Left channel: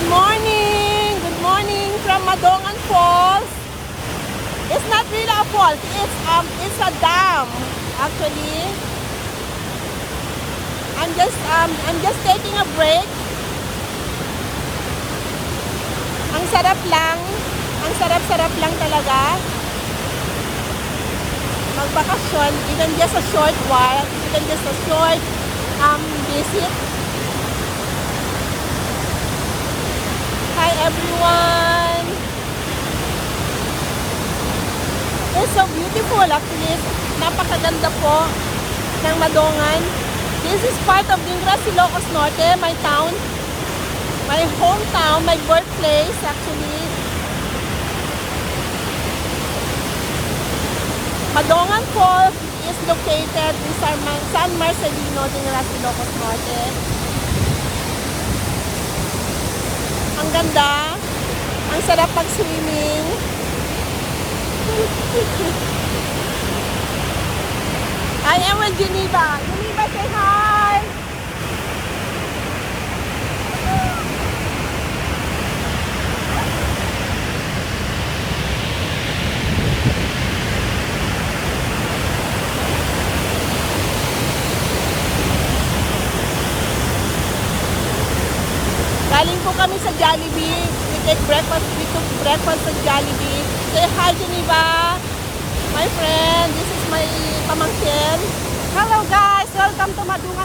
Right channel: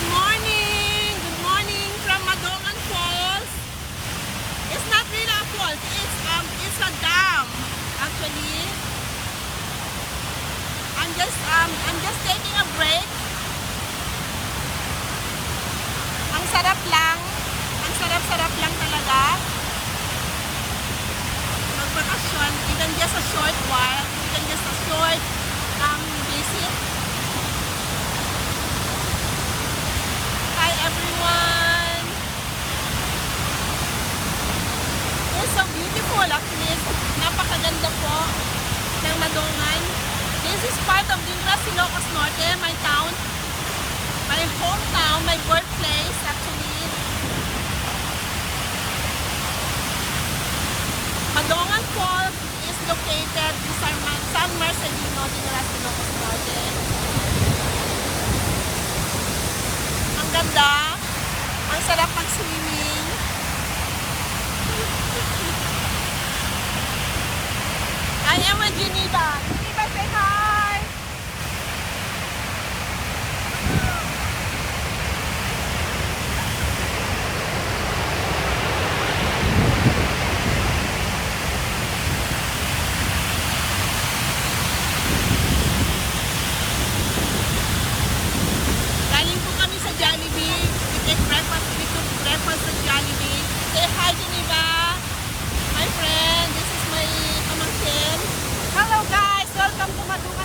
Good morning! Good morning from Madongan Falls. It's not really a falls. It's a dam actually. I'm just taking a break. Ang sarap lang. Ang sarap-sarap lang talaga. Magbakasyon, even just a short while, even just a short visit. Hi everyone! It's so beautiful actually. Napakaganda po ng Madongan. This is part of Dingra, Ilocos Norte, my town, my hometown, my birthplace actually. Madongan Falls is located in San Marcelino, Dingra, Ilocos Norte. Ang ganda, ang sarap pag-swimming. I am with Geneva. Geneva, say hi! Galing po kami sa Jollibee. We take breakfast. We took breakfast at Jollibee. Say hi, Geneva. My friend, this is my pamangkin. Hello guys, welcome to Madongan.